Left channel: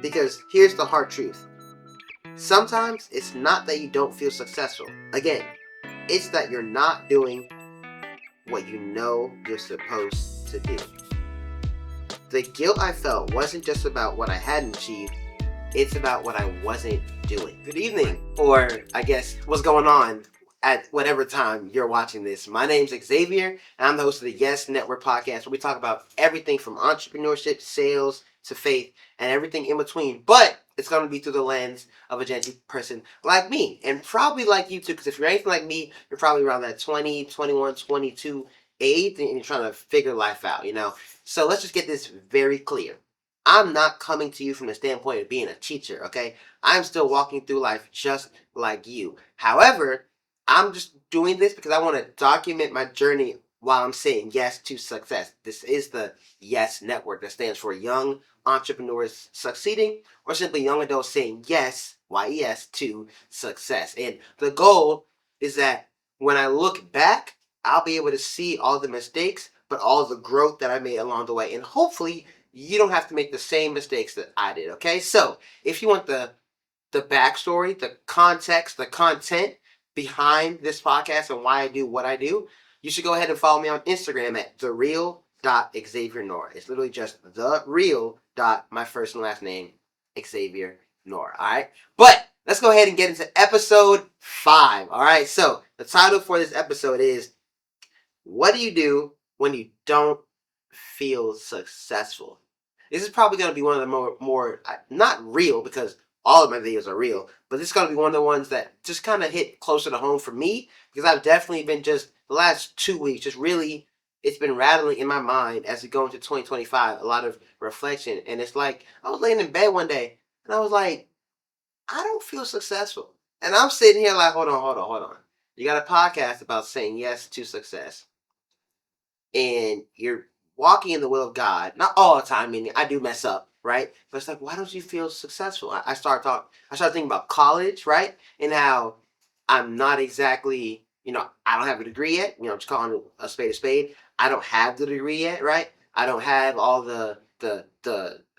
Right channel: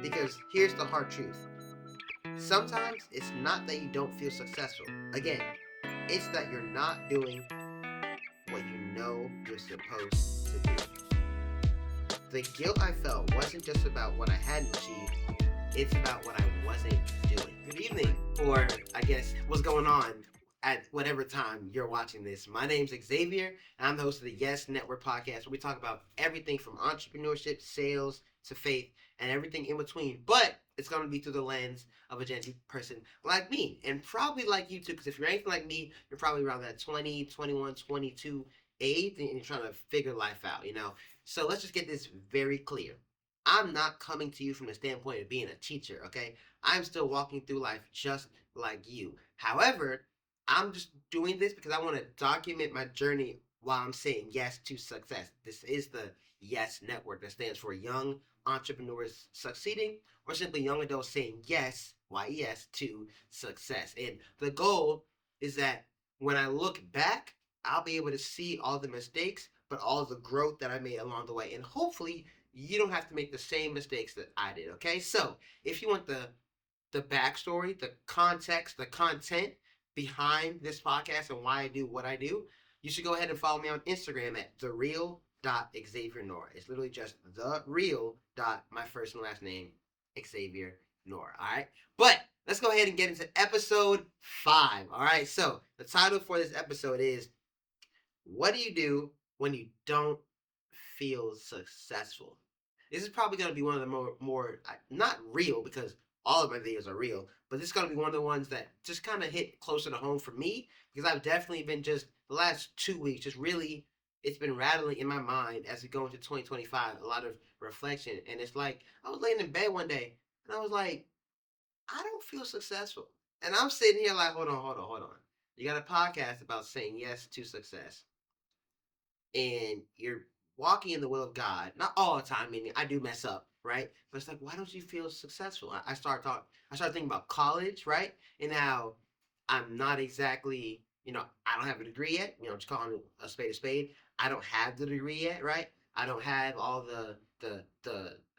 Because here's the hard truth. Sometimes it's not that you don't feel successful. Again, it's that you're not doing what you know you're supposed to do. The guilt I felt wasn't just about what I hadn't achieved, it's about what I wasn't doing. Good evening, or I guess what's going on at whatever time you're watching this. My name's Xavier, and I'm the host of the Yes Network podcast, where we talk about everything from entrepreneurship, sales, to faith, and everything in between. But it's going to be through the lens of a gentle person like me, and probably like you too, because if you're anything like me, you're probably around that 20, 21, 22 age, and you're trying to figure life out. So let's just get this very clear. I'm not coming to you from the standpoint of being a teacher, okay? I'm still walking through life just like you. However, I'm just doing this because I want to document my journey while I'm saying yes to success. This is the Yes Network that stands for Young Entrepreneurs Succeeding, or simply young adults saying yes, YES, to success. And the goal is that when I look back, I'll be able to see all the mistakes, but all the growth that I made along the way. And hopefully, you don't have to make the same mistakes that I did. Okay, so if you want the backstory, the context, the content behind this podcast and why I do what I do, you should go ahead and follow me on Instagram at thereal.xaviernoor. It's literally just the real dot my first and last name, Xavier Noor. All right, but let's go ahead and get into episode 5. All right, so the title for this episode is "What do you do when you don't feel successful?" This is probably going to be one of the more not real, because all of my videos are real, but this is going to be one of the ones that just kind of hit closer to home for me, because I've definitely been just the last 2 weeks, just really, it's been rattling in my mind as we go into 2025, a lot of reflection. And it's like, I was laying in bed one day and I was like, I don't feel successful. And I'm sitting here like, hold on, hold on, hold on. You got a podcast about saying yes to success, and you're walking in the will of God. Not all the time, meaning I do mess up, right? But it's like, why don't you feel successful? I start talking. I start thinking about college, right? And how I'm not exactly, I don't have a degree yet. Just calling a spade a spade. I don't have the degree yet, right? I don't have all the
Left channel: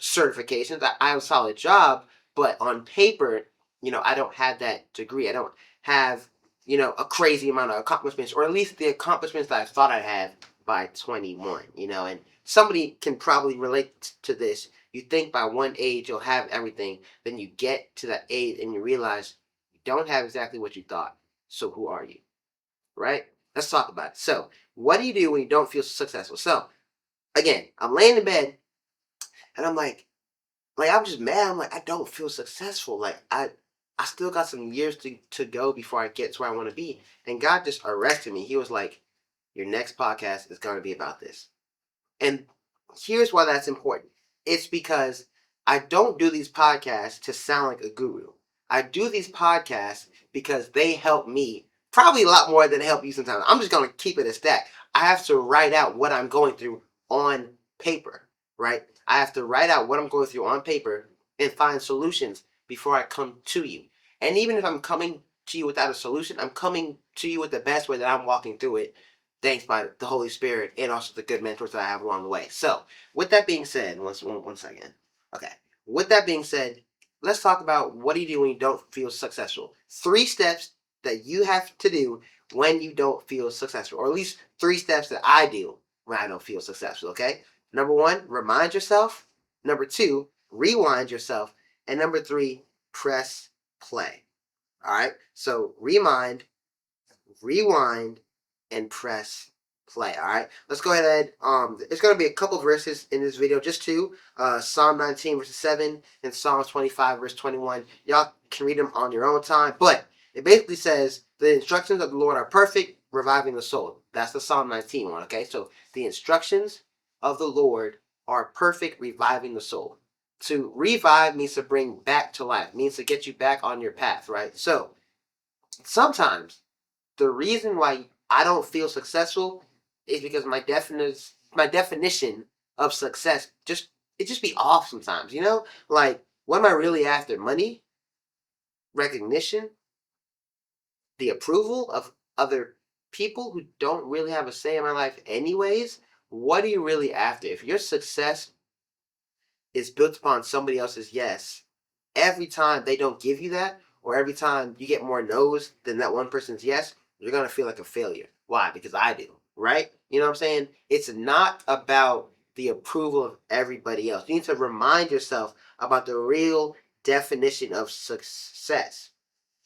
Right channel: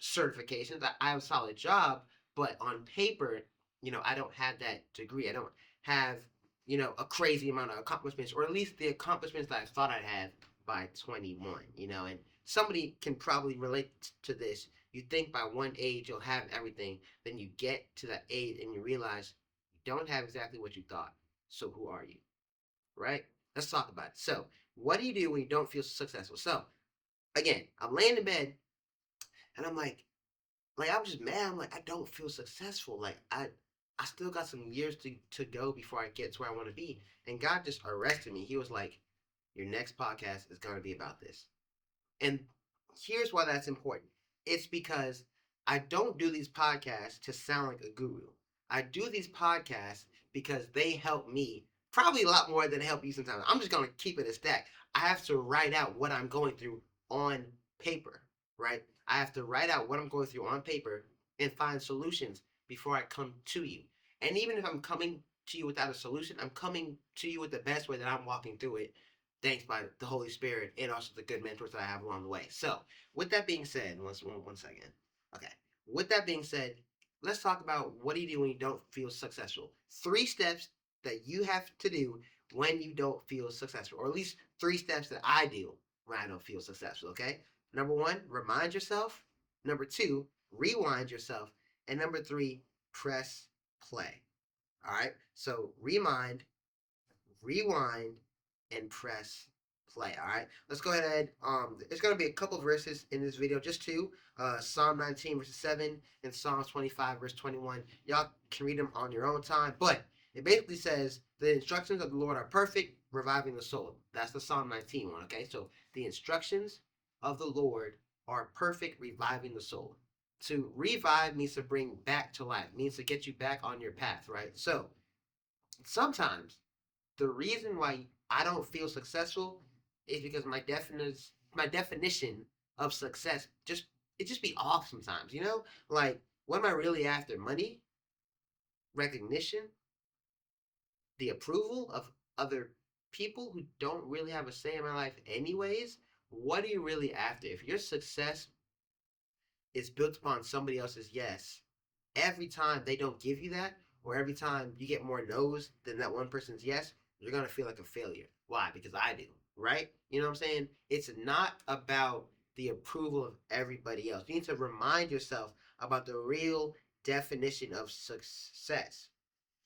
certifications. I have a solid job, but on paper, I don't have that degree. I don't have, a crazy amount of accomplishments, or at least the accomplishments that I thought I'd have by 21, and somebody can probably relate to this. You think by one age you'll have everything, then you get to that age and you realize you don't have exactly what you thought. So who are you? Right? Let's talk about it. So, what do you do when you don't feel successful? So, again, I'm laying in bed and I'm like I'm just mad. I'm like, I don't feel successful. Like I still got some years to go before I get to where I want to be. And God just arrested me. He was like, your next podcast is going to be about this. And here's why that's important. It's because I don't do these podcasts to sound like a guru. I do these podcasts because they help me probably a lot more than they help you sometimes. I'm just going to keep it a stack. I have to write out what I'm going through on paper, right? I have to write out what I'm going through on paper and find solutions before I come to you. And even if I'm coming to you without a solution, I'm coming to you with the best way that I'm walking through it, thanks by the Holy Spirit and also the good mentors that I have along the way. So, with that being said, one second. Okay. With that being said, let's talk about what do you do when you don't feel successful. 3 steps that you have to do when you don't feel successful, or at least 3 steps that I do when I don't feel successful. Okay. Number 1, remind yourself. Number 2, rewind yourself. And number 3, press play. All right. So, rewind, and press play. All right, let's go ahead. It's going to be a couple verses in this video, just two. Psalm 19 verse 7 and Psalm 25 verse 21. Y'all can read them on your own time, but it basically says the instructions of the Lord are perfect, reviving the soul. That's the Psalm 19 one. Okay, so the instructions of the Lord are perfect, reviving the soul. To revive means to bring back to life, means to get you back on your path, right? So sometimes the reason why I don't feel successful is because my definition of success just be off sometimes. Like, what am I really after? Money, recognition, the approval of other people who don't really have a say in my life anyways. What are you really after? If your success is built upon somebody else's yes, every time they don't give you that, or every time you get more no's than that one person's yes, you're gonna feel like a failure. Why? Because I do, right? You know what I'm saying? It's not about the approval of everybody else. You need to remind yourself about the real definition of success.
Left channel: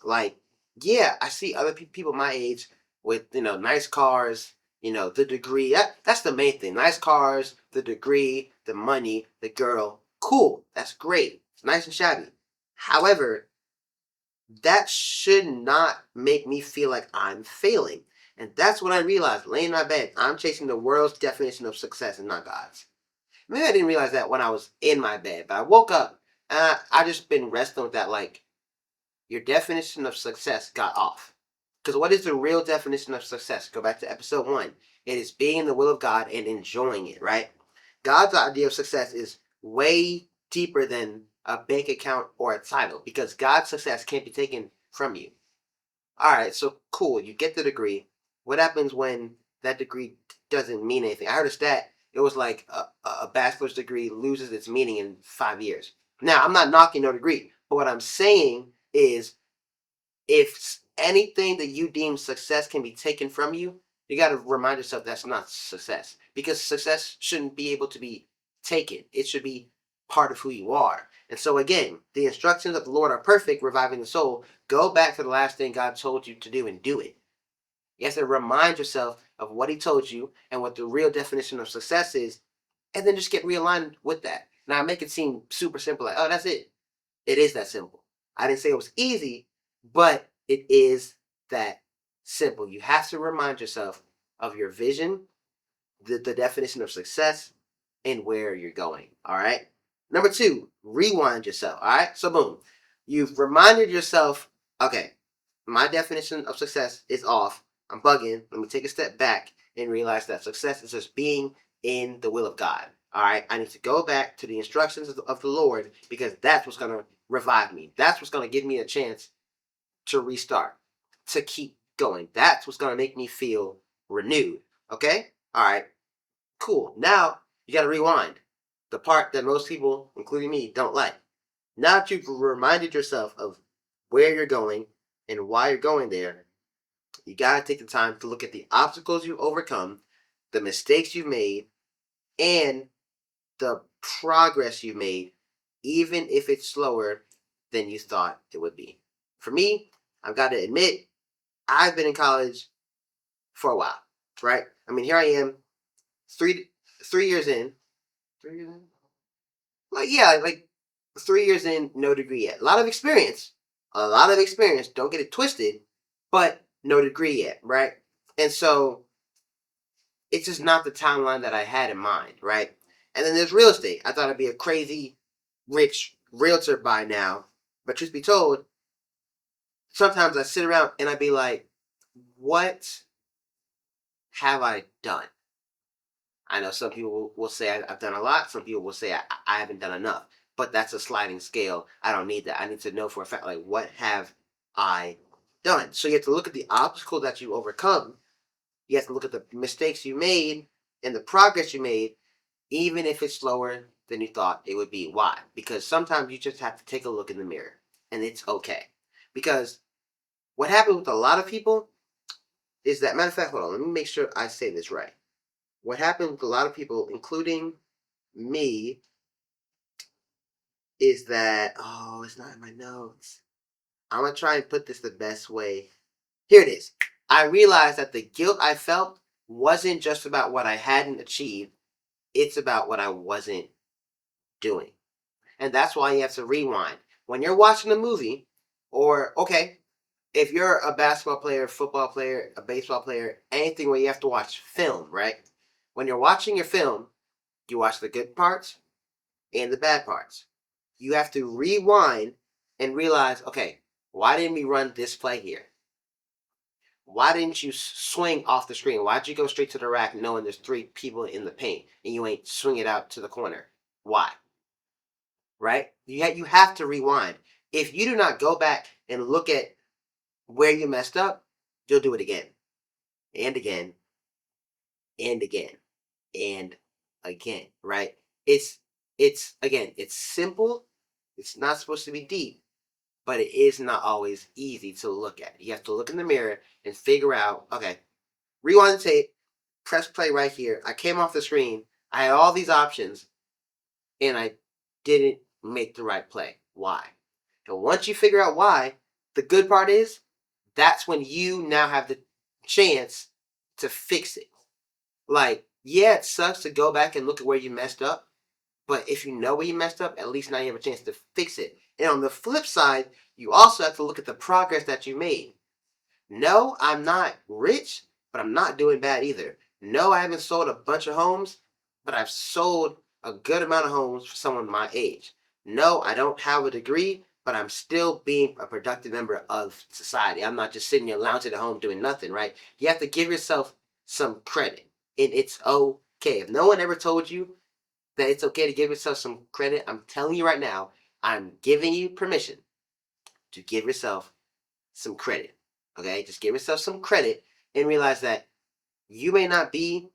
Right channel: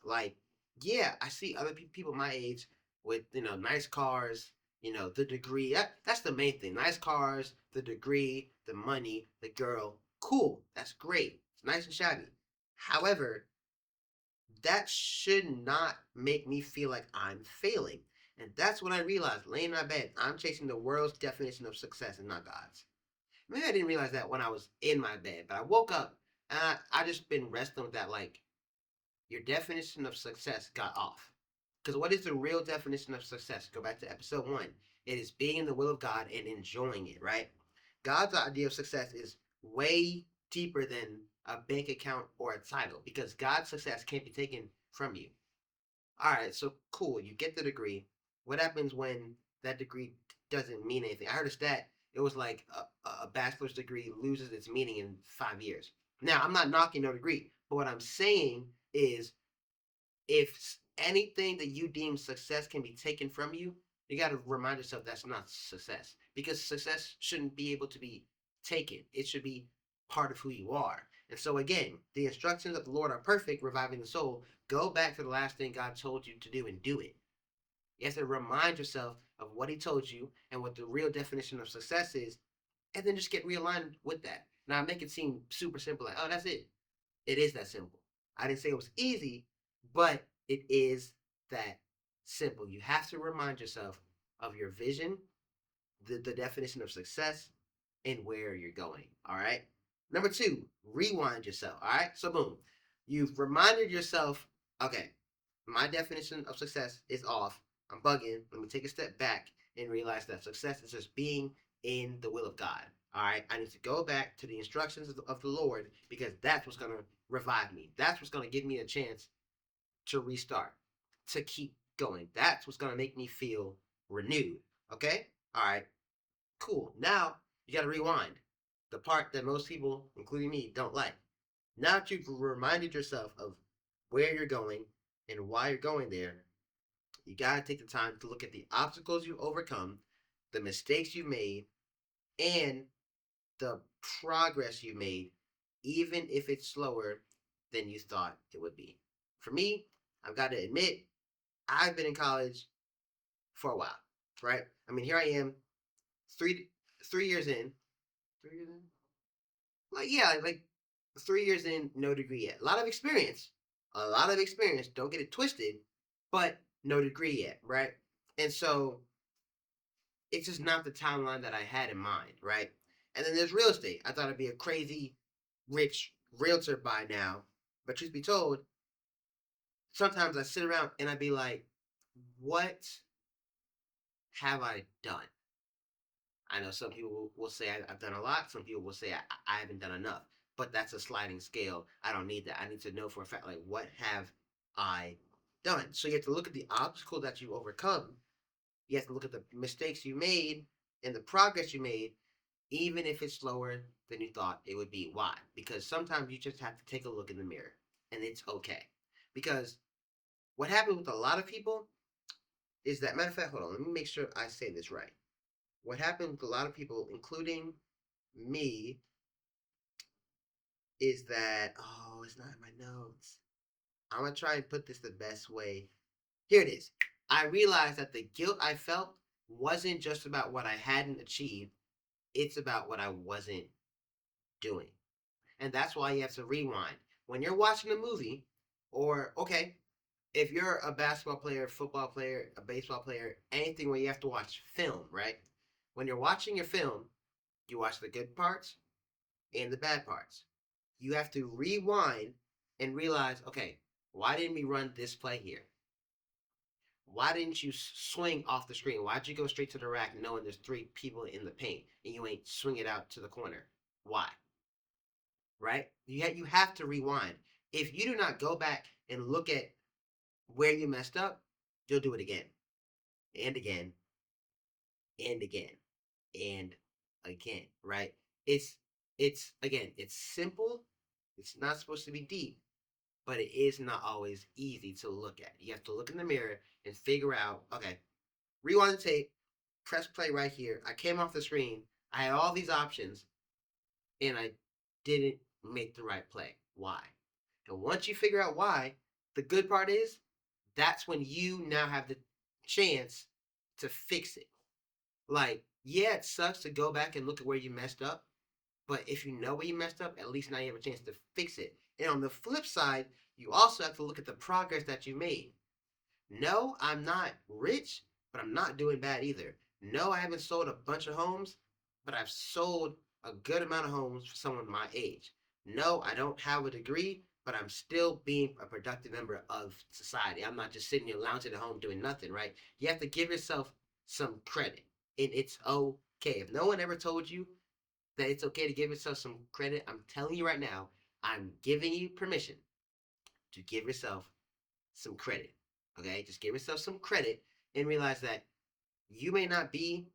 Like, yeah, I see other people my age with nice cars, the degree. That's the main thing. Nice cars, the degree, the money, the girl. Cool. That's great. It's nice and shabby. However, that should not make me feel like I'm failing. And that's what I realized laying in my bed. I'm chasing the world's definition of success and not God's. Maybe I didn't realize that when I was in my bed, but I woke up and I just been wrestling with that. Like, your definition of success got off. Because what is the real definition of success? Go back to episode 1. It is being in the will of God and enjoying it, right? God's idea of success is way deeper than a bank account or a title because God's success can't be taken from you. All right, so cool. You get the degree. What happens when that degree doesn't mean anything? I heard a stat. It was like a bachelor's degree loses its meaning in 5 years. Now, I'm not knocking no degree, but what I'm saying is if anything that you deem success can be taken from you, you got to remind yourself that's not success because success shouldn't be able to be taken. It should be part of who you are. And so, again, the instructions of the Lord are perfect, reviving the soul. Go back to the last thing God told you to do and do it. You have to remind yourself of what He told you and what the real definition of success is, and then just get realigned with that. Now, I make it seem super simple, like, oh, that's it. It is that simple. I didn't say it was easy, but it is that simple. You have to remind yourself of your vision, the definition of success, and where you're going. All right. Number 2, rewind yourself. All right. So, boom, you've reminded yourself, okay, my definition of success is off. I'm bugging. Let me take a step back and realize that success is just being in the will of God. All right. I need to go back to the instructions of the Lord because that's what's going to revive me. That's what's going to give me a chance to restart, to keep going. That's what's going to make me feel renewed. Okay. All right. Cool. Now you got to rewind. The part that most people, including me, don't like. Now that you've reminded yourself of where you're going and why you're going there, you got to take the time to look at the obstacles you've overcome, the mistakes you've made, and the progress you made, even if it's slower than you thought it would be. For me, I've got to admit, I've been in college for a while, right? I mean, here I am, three 3 years in. 3 years in? Like, yeah, like 3 years in, no degree yet. A lot of experience. A lot of experience. Don't get it twisted, but no degree yet, right? And so it's just not the timeline that I had in mind, right? And then there's real estate. I thought I'd be a crazy rich realtor by now. But truth be told, sometimes I sit around and I'd be like, what have I done? I know some people will say I've done a lot. Some people will say I haven't done enough. But that's a sliding scale. I don't need that. I need to know for a fact, like, what have I done? So you have to look at the obstacle that you overcome. You have to look at the mistakes you made and the progress you made, even if it's slower than you thought it would be. Why? Because sometimes you just have to take a look in the mirror, and it's okay. Because what happens with a lot of people is that, matter of fact, hold on, let me make sure I say this right. What happens with a lot of people, including me, is that, oh, it's not in my notes. I'm going to try and put this the best way. Here it is. I realized that the guilt I felt wasn't just about what I hadn't achieved, it's about what I wasn't doing. And that's why you have to rewind. When you're watching a movie, or, okay, if you're a basketball player, football player, a baseball player, anything where you have to watch film, right? When you're watching your film, you watch the good parts and the bad parts. You have to rewind and realize, okay, why didn't we run this play here? Why didn't you swing off the screen? Why'd you go straight to the rack knowing there's 3 people in the paint and you ain't swing it out to the corner? Why? Right? You have to rewind. If you do not go back and look at where you messed up, you'll do it again and again and again and again, right? It's It's simple. It's not supposed to be deep, but it is not always easy to look at. You have to look in the mirror and figure out, okay, rewind the tape, press play right here. I came off the screen. I had all these options, and I didn't make the right play. Why? And once you figure out why, the good part is that's when you now have the chance to fix it. Like, yeah, it sucks to go back and look at where you messed up, but if you know where you messed up, at least now you have a chance to fix it. And on the flip side, you also have to look at the progress that you made. No, I'm not rich, but I'm not doing bad either. No, I haven't sold a bunch of homes, but I've sold a good amount of homes for someone my age. No, I don't have a degree, but I'm still being a productive member of society. I'm not just sitting there lounging at home doing nothing, right? You have to give yourself some credit, and it's okay. If no one ever told you that it's okay to give yourself some credit, I'm telling you right now, I'm giving you permission to give yourself some credit. Okay, just give yourself some credit and realize that you may not be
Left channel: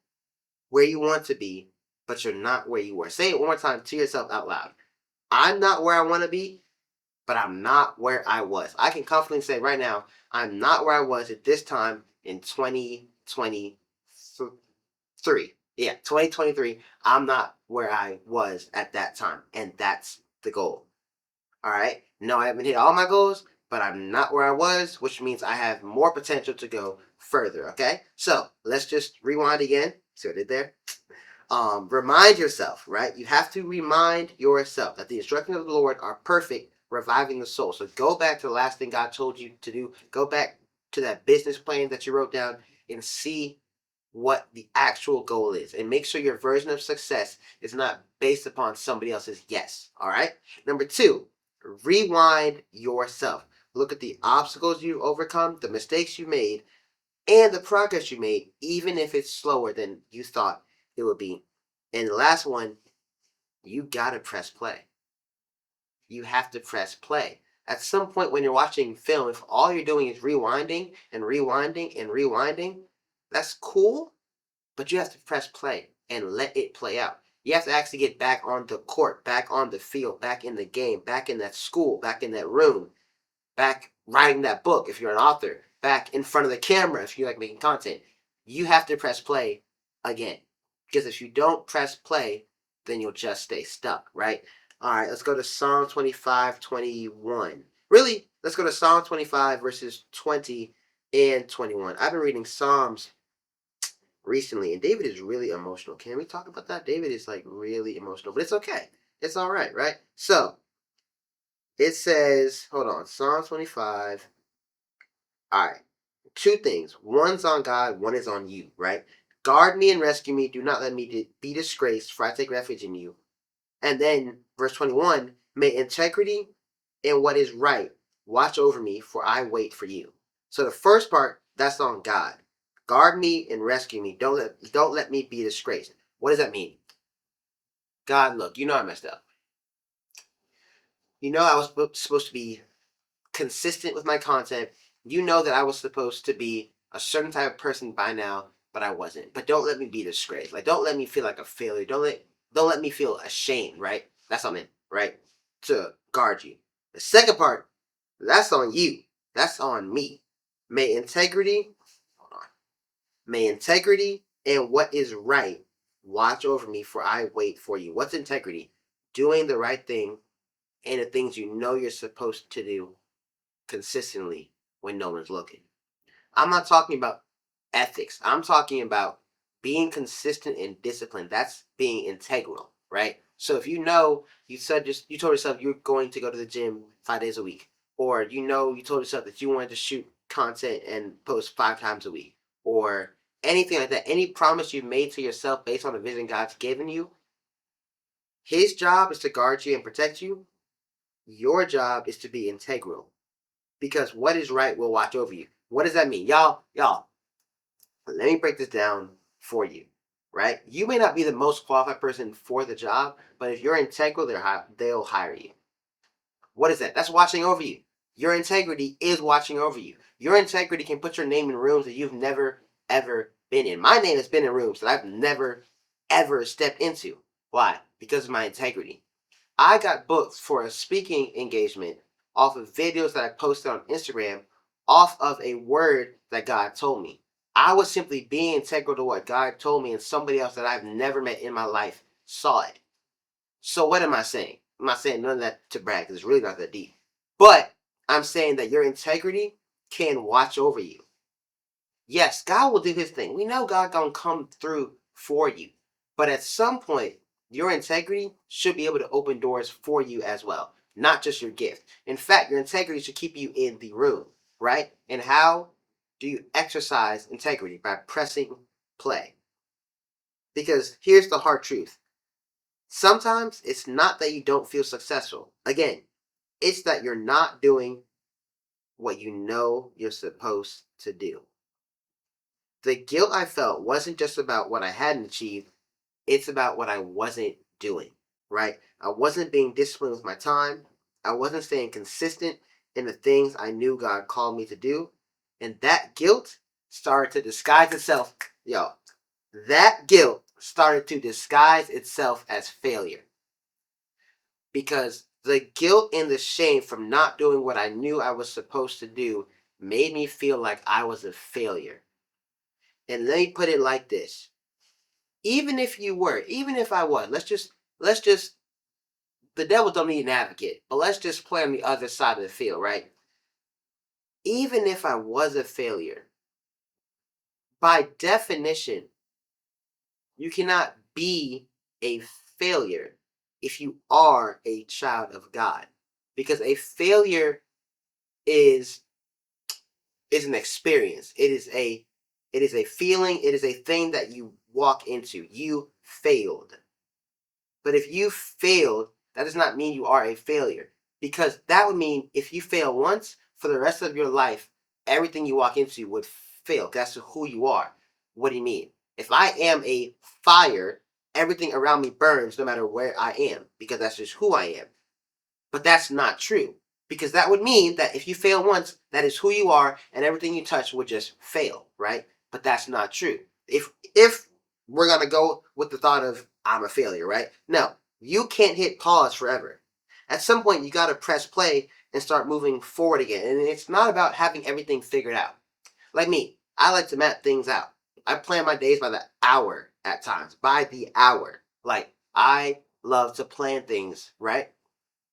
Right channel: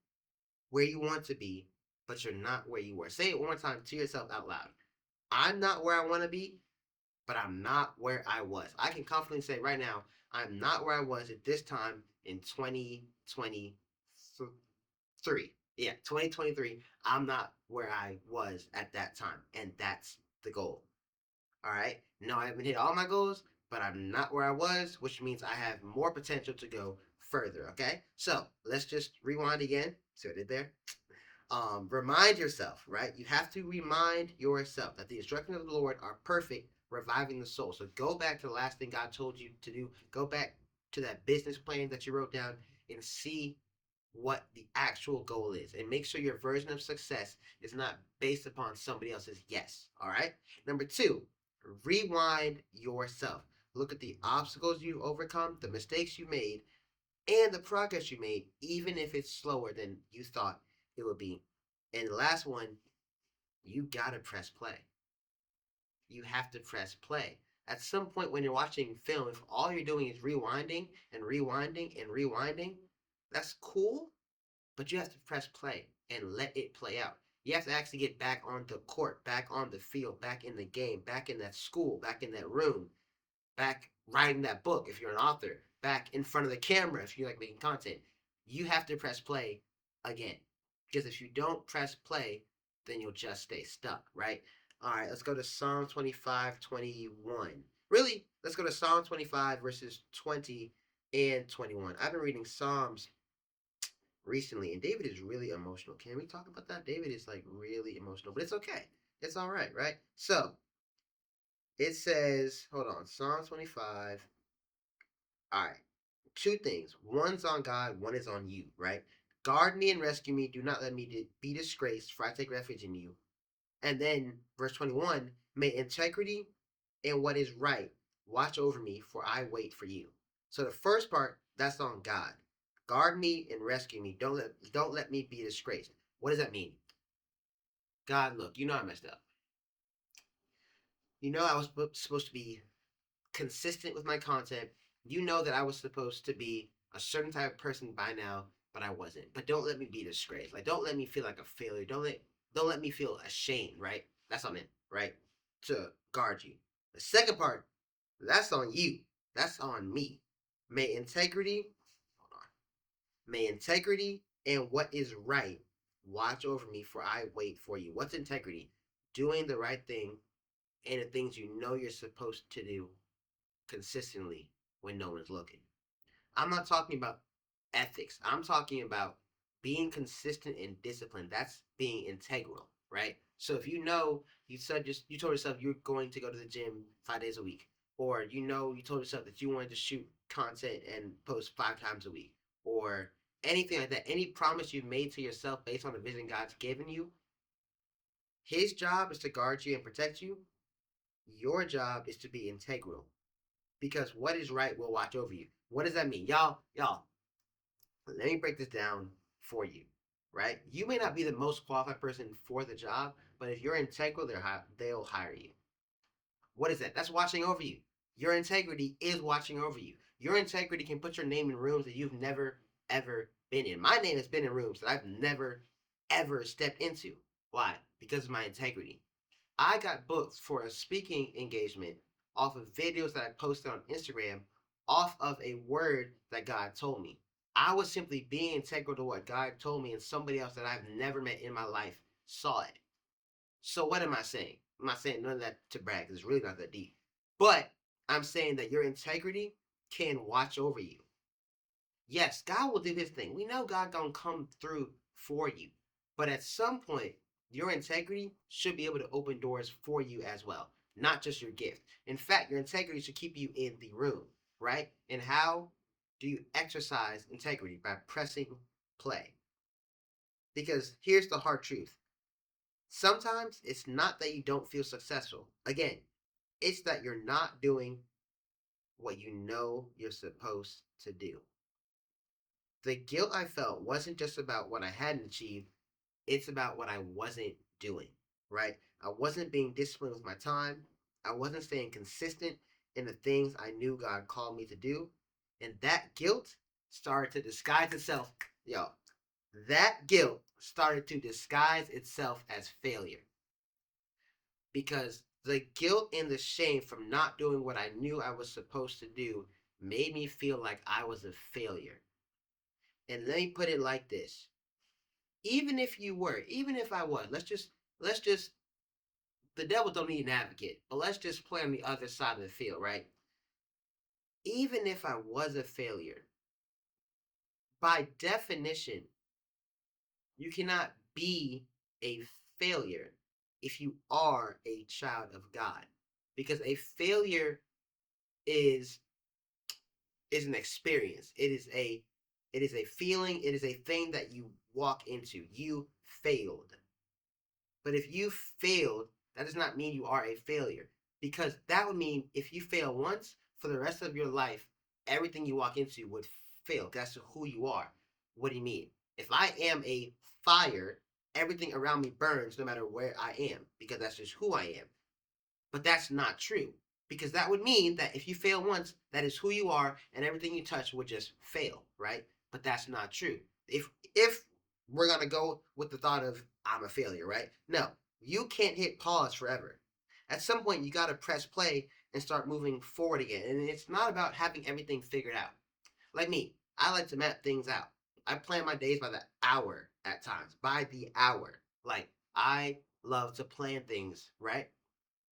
where you want to be, but you're not where you were. Say it one more time to yourself out loud. I'm not where I want to be, but I'm not where I was. I can confidently say right now, I'm not where I was at this time in 2023. Yeah, 2023. I'm not where I was at that time. And that's the goal. All right. No, I haven't hit all my goals, but I'm not where I was, which means I have more potential to go further. Okay. So let's just rewind again. See what I did there? Remind yourself, right? You have to remind yourself that the instructions of the Lord are perfect, reviving the soul. So go back to the last thing God told you to do. Go back to that business plan that you wrote down and see what the actual goal is. And make sure your version of success is not based upon somebody else's yes. All right. Number two, rewind yourself. Look at the obstacles you overcome, the mistakes you made, and the progress you made, even if it's slower than you thought it would be. And the last one, you gotta press play. You have to press play. At some point when you're watching film, if all you're doing is rewinding and rewinding and rewinding, that's cool, but you have to press play and let it play out. You have to actually get back on the court, back on the field, back in the game, back in that school, back in that room, back writing that book if you're an author, back in front of the camera if you like making content. You have to press play again. Because if you don't press play, then you'll just stay stuck, right? All right, let's go to Psalm 25:21. Really, let's go to Psalm 25, verses 20 and 21. I've been reading Psalms recently, and David is really emotional. Can we talk about that? David is like really emotional, but it's okay. It's all right? So it says, hold on, Psalm 25. All right, two things. One's on God, one is on you, right? Guard me and rescue me. Do not let me be disgraced, for I take refuge in you. And then verse 21, may integrity and what is right watch over me, for I wait for you. So the first part, that's on God. Guard me and rescue me. Don't let me be disgraced. What does that mean? God, look, you know I messed up. You know I was supposed to be consistent with my content. You know that I was supposed to be a certain type of person by now, but I wasn't. But don't let me be disgraced. Like don't let me feel like a failure. Don't let me feel ashamed, right? That's on it, right? To guard you. The second part, that's on you. That's on me. May integrity, hold on. May integrity and what is right watch over me, for I wait for you. What's integrity? Doing the right thing and the things you know you're supposed to do consistently when no one's looking. I'm not talking about ethics. I'm talking about being consistent and disciplined. That's being integral, right? So if you know you told yourself you're going to go to the gym 5 days a week, or you told yourself that you wanted to shoot content and post 5 times a week, or anything like that, any promise you made to yourself based on the vision God's given you, his job is to guard you and protect you. Your job is to be integral because what is right will watch over you. What does that mean? Y'all, let me break this down for you, right? You may not be the most qualified person for the job, but if you're integral, they'll hire you. What is that? That's watching over you. Your integrity is watching over you. Your integrity can put your name in rooms that you've never, ever been in. My name has been in rooms that I've never, ever stepped into. Why? Because of my integrity. I got booked for a speaking engagement off of videos that I posted on Instagram off of a word that God told me. I was simply being integral to what God told me, and somebody else that I've never met in my life saw it. So what am I saying? I'm not saying none of that to brag because it's really not that deep. But I'm saying that your integrity can watch over you. Yes, God will do his thing. We know God gonna come through for you. But at some point, your integrity should be able to open doors for you as well, not just your gift. In fact, your integrity should keep you in the room, right? And how do you exercise integrity? By pressing play. Because here's the hard truth. Sometimes it's not that you don't feel successful. Again, it's that you're not doing what you know you're supposed to do. The guilt I felt wasn't just about what I hadn't achieved, it's about what I wasn't doing, right? I wasn't being disciplined with my time. I wasn't staying consistent in the things I knew God called me to do. And that guilt started to disguise itself. Yo, that guilt started to disguise itself as failure. Because the guilt and the shame from not doing what I knew I was supposed to do made me feel like I was a failure. And let me put it like this. Even if you were, even if I was, let's just the devil don't need an advocate, but let's just play on the other side of the field, right? Even if I was a failure, by definition, you cannot be a failure if you are a child of God. Because a failure is an experience. It is a feeling, it is a thing that you walk into. You failed. But if you failed, that does not mean you are a failure. Because that would mean if you fail once, for the rest of your life, everything you walk into would fail. That's who you are. What do you mean? If I am a fire, everything around me burns no matter where I am, because that's just who I am. But that's not true. Because that would mean that if you fail once, that is who you are, and everything you touch would just fail, right? But that's not true. If we're gonna go with the thought of I'm a failure, right? No, you can't hit pause forever. At some point, you gotta press play and start moving forward again. And it's not about having everything figured out. Like me, I like to map things out. I plan my days by the hour at times, by the hour. Like I love to plan things, right?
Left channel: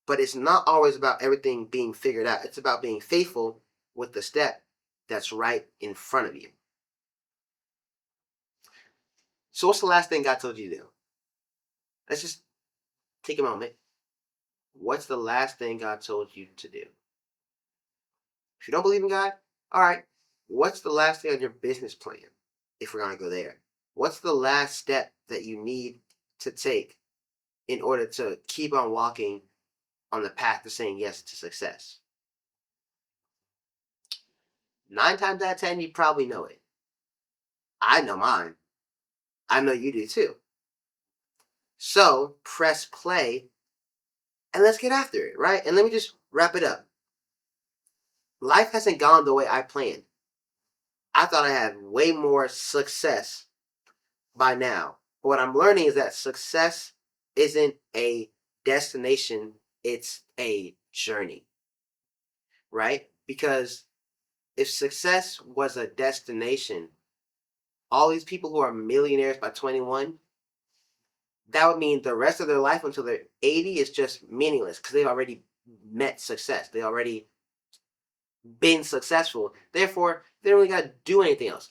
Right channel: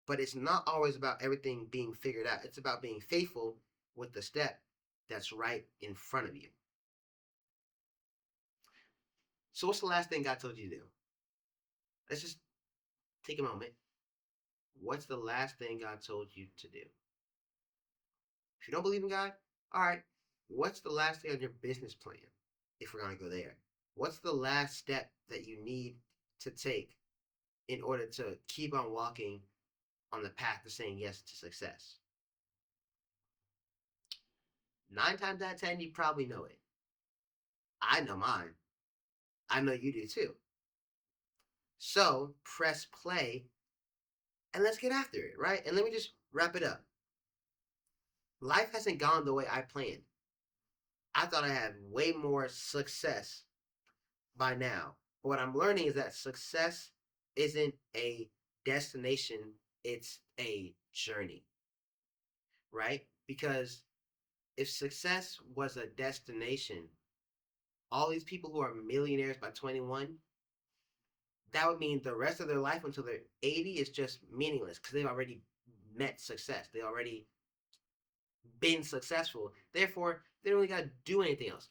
But it's not always about everything being figured out. It's about being faithful with the step that's right in front of you. So, what's the last thing God told you to do? Let's just take a moment. What's the last thing God told you to do? If you don't believe in God, all right. What's the last thing on your business plan? If we're going to go there, what's the last step that you need to take in order to keep on walking on the path to saying yes to success? 9 times out of 10, you probably know it. I know mine. I know you do too. So press play and let's get after it, right? And let me just wrap it up. Life hasn't gone the way I planned. I thought I had way more success by now. But what I'm learning is that success isn't a destination, it's a journey, right? Because if success was a destination, all these people who are millionaires by 21, that would mean the rest of their life until they're 80 is just meaningless because they've already met success. They already been successful. Therefore, they don't really got to do anything else.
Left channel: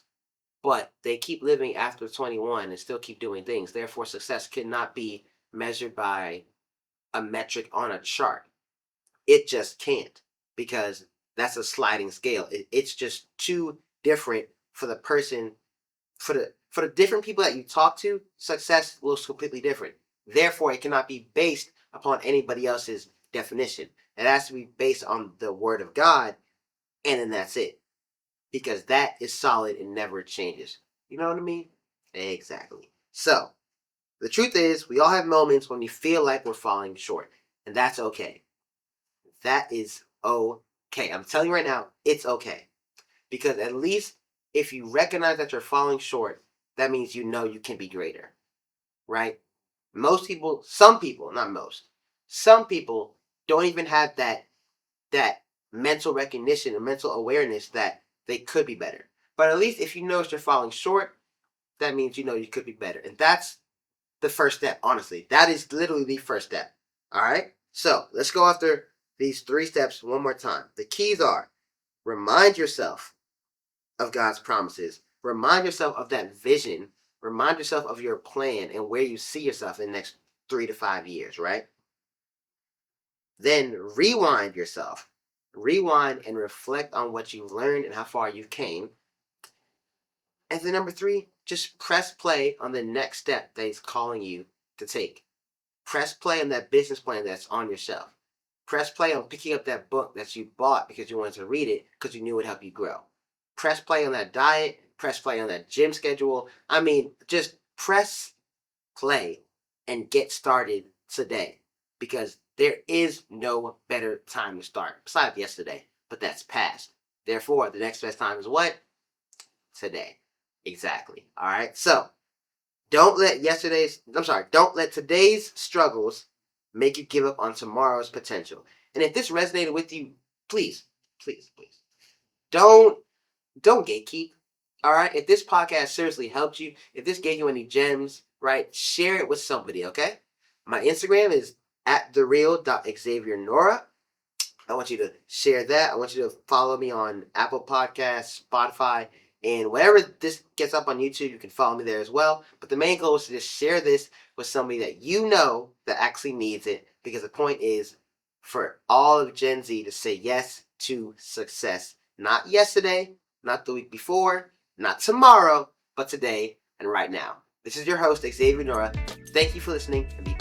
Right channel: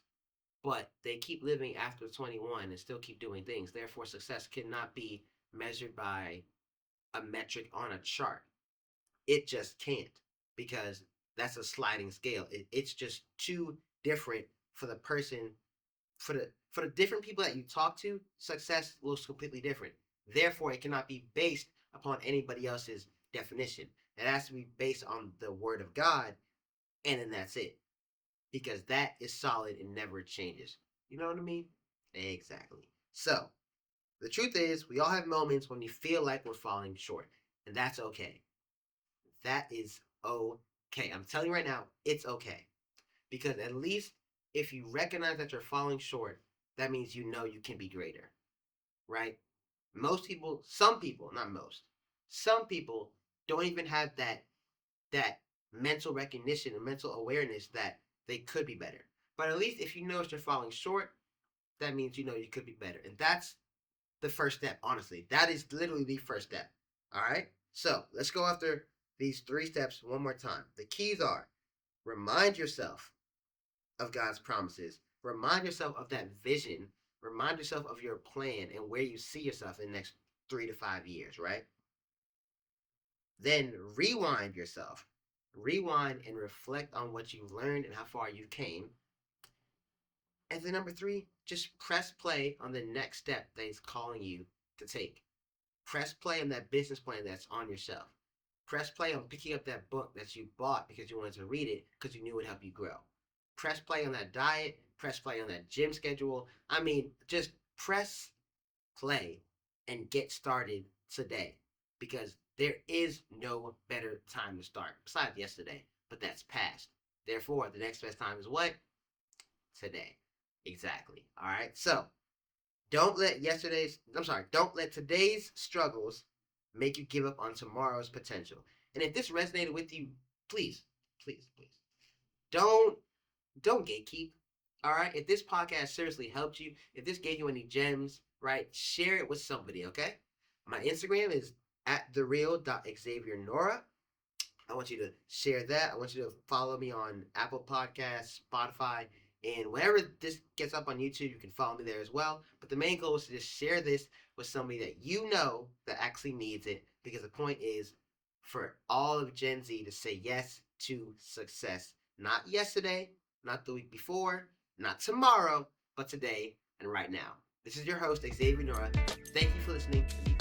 But they keep living after 21 and still keep doing things. Therefore, success cannot be measured by a metric on a chart. It just can't because that's a sliding scale. It's just too different for the person, for the different people that you talk to. Success looks completely different. Therefore, it cannot be based upon anybody else's definition. It has to be based on the Word of God, and then that's it. Because that is solid and never changes. You know what I mean? Exactly. So, the truth is, we all have moments when we feel like we're falling short, and that's okay. That is okay. I'm telling you right now, it's okay. Because at least if you recognize that you're falling short, that means you know you can be greater, right? Most people, some people, not most, some people don't even have that mental recognition and mental awareness that they could be better. But at least if you notice you're falling short, that means you know you could be better. And that's the first step, honestly. That is literally the first step. All right? So let's go after these 3 steps one more time. The keys are: remind yourself of God's promises, remind yourself of that vision, remind yourself of your plan and where you see yourself in the next 3 to 5 years, right? Then rewind yourself. Rewind and reflect on what you've learned and how far you came. And then number 3, just press play on the next step that he's calling you to take. Press play on that business plan that's on your shelf. Press play on picking up that book that you bought because you wanted to read it because you knew it would help you grow. Press play on that diet. Press play on that gym schedule. I mean, just press play and get started today, because there is no better time to start besides yesterday, but that's past. Therefore, the next best time is what? Today. Exactly. All right. So don't let today's struggles make you give up on tomorrow's potential. And if this resonated with you, please, please, please, don't gatekeep. All right. If this podcast seriously helped you, if this gave you any gems, right, share it with somebody. Okay. My Instagram is at thereal.xaviernora. I want you to share that. I want you to follow me on Apple Podcasts, Spotify, and wherever this gets up on YouTube, you can follow me there as well. But the main goal is to just share this with somebody that you know that actually needs it, because the point is for all of Gen Z to say yes to success. Not yesterday, not the week before, not tomorrow, but today and right now. This is your host, Xavier Nora. Thank you for listening, and be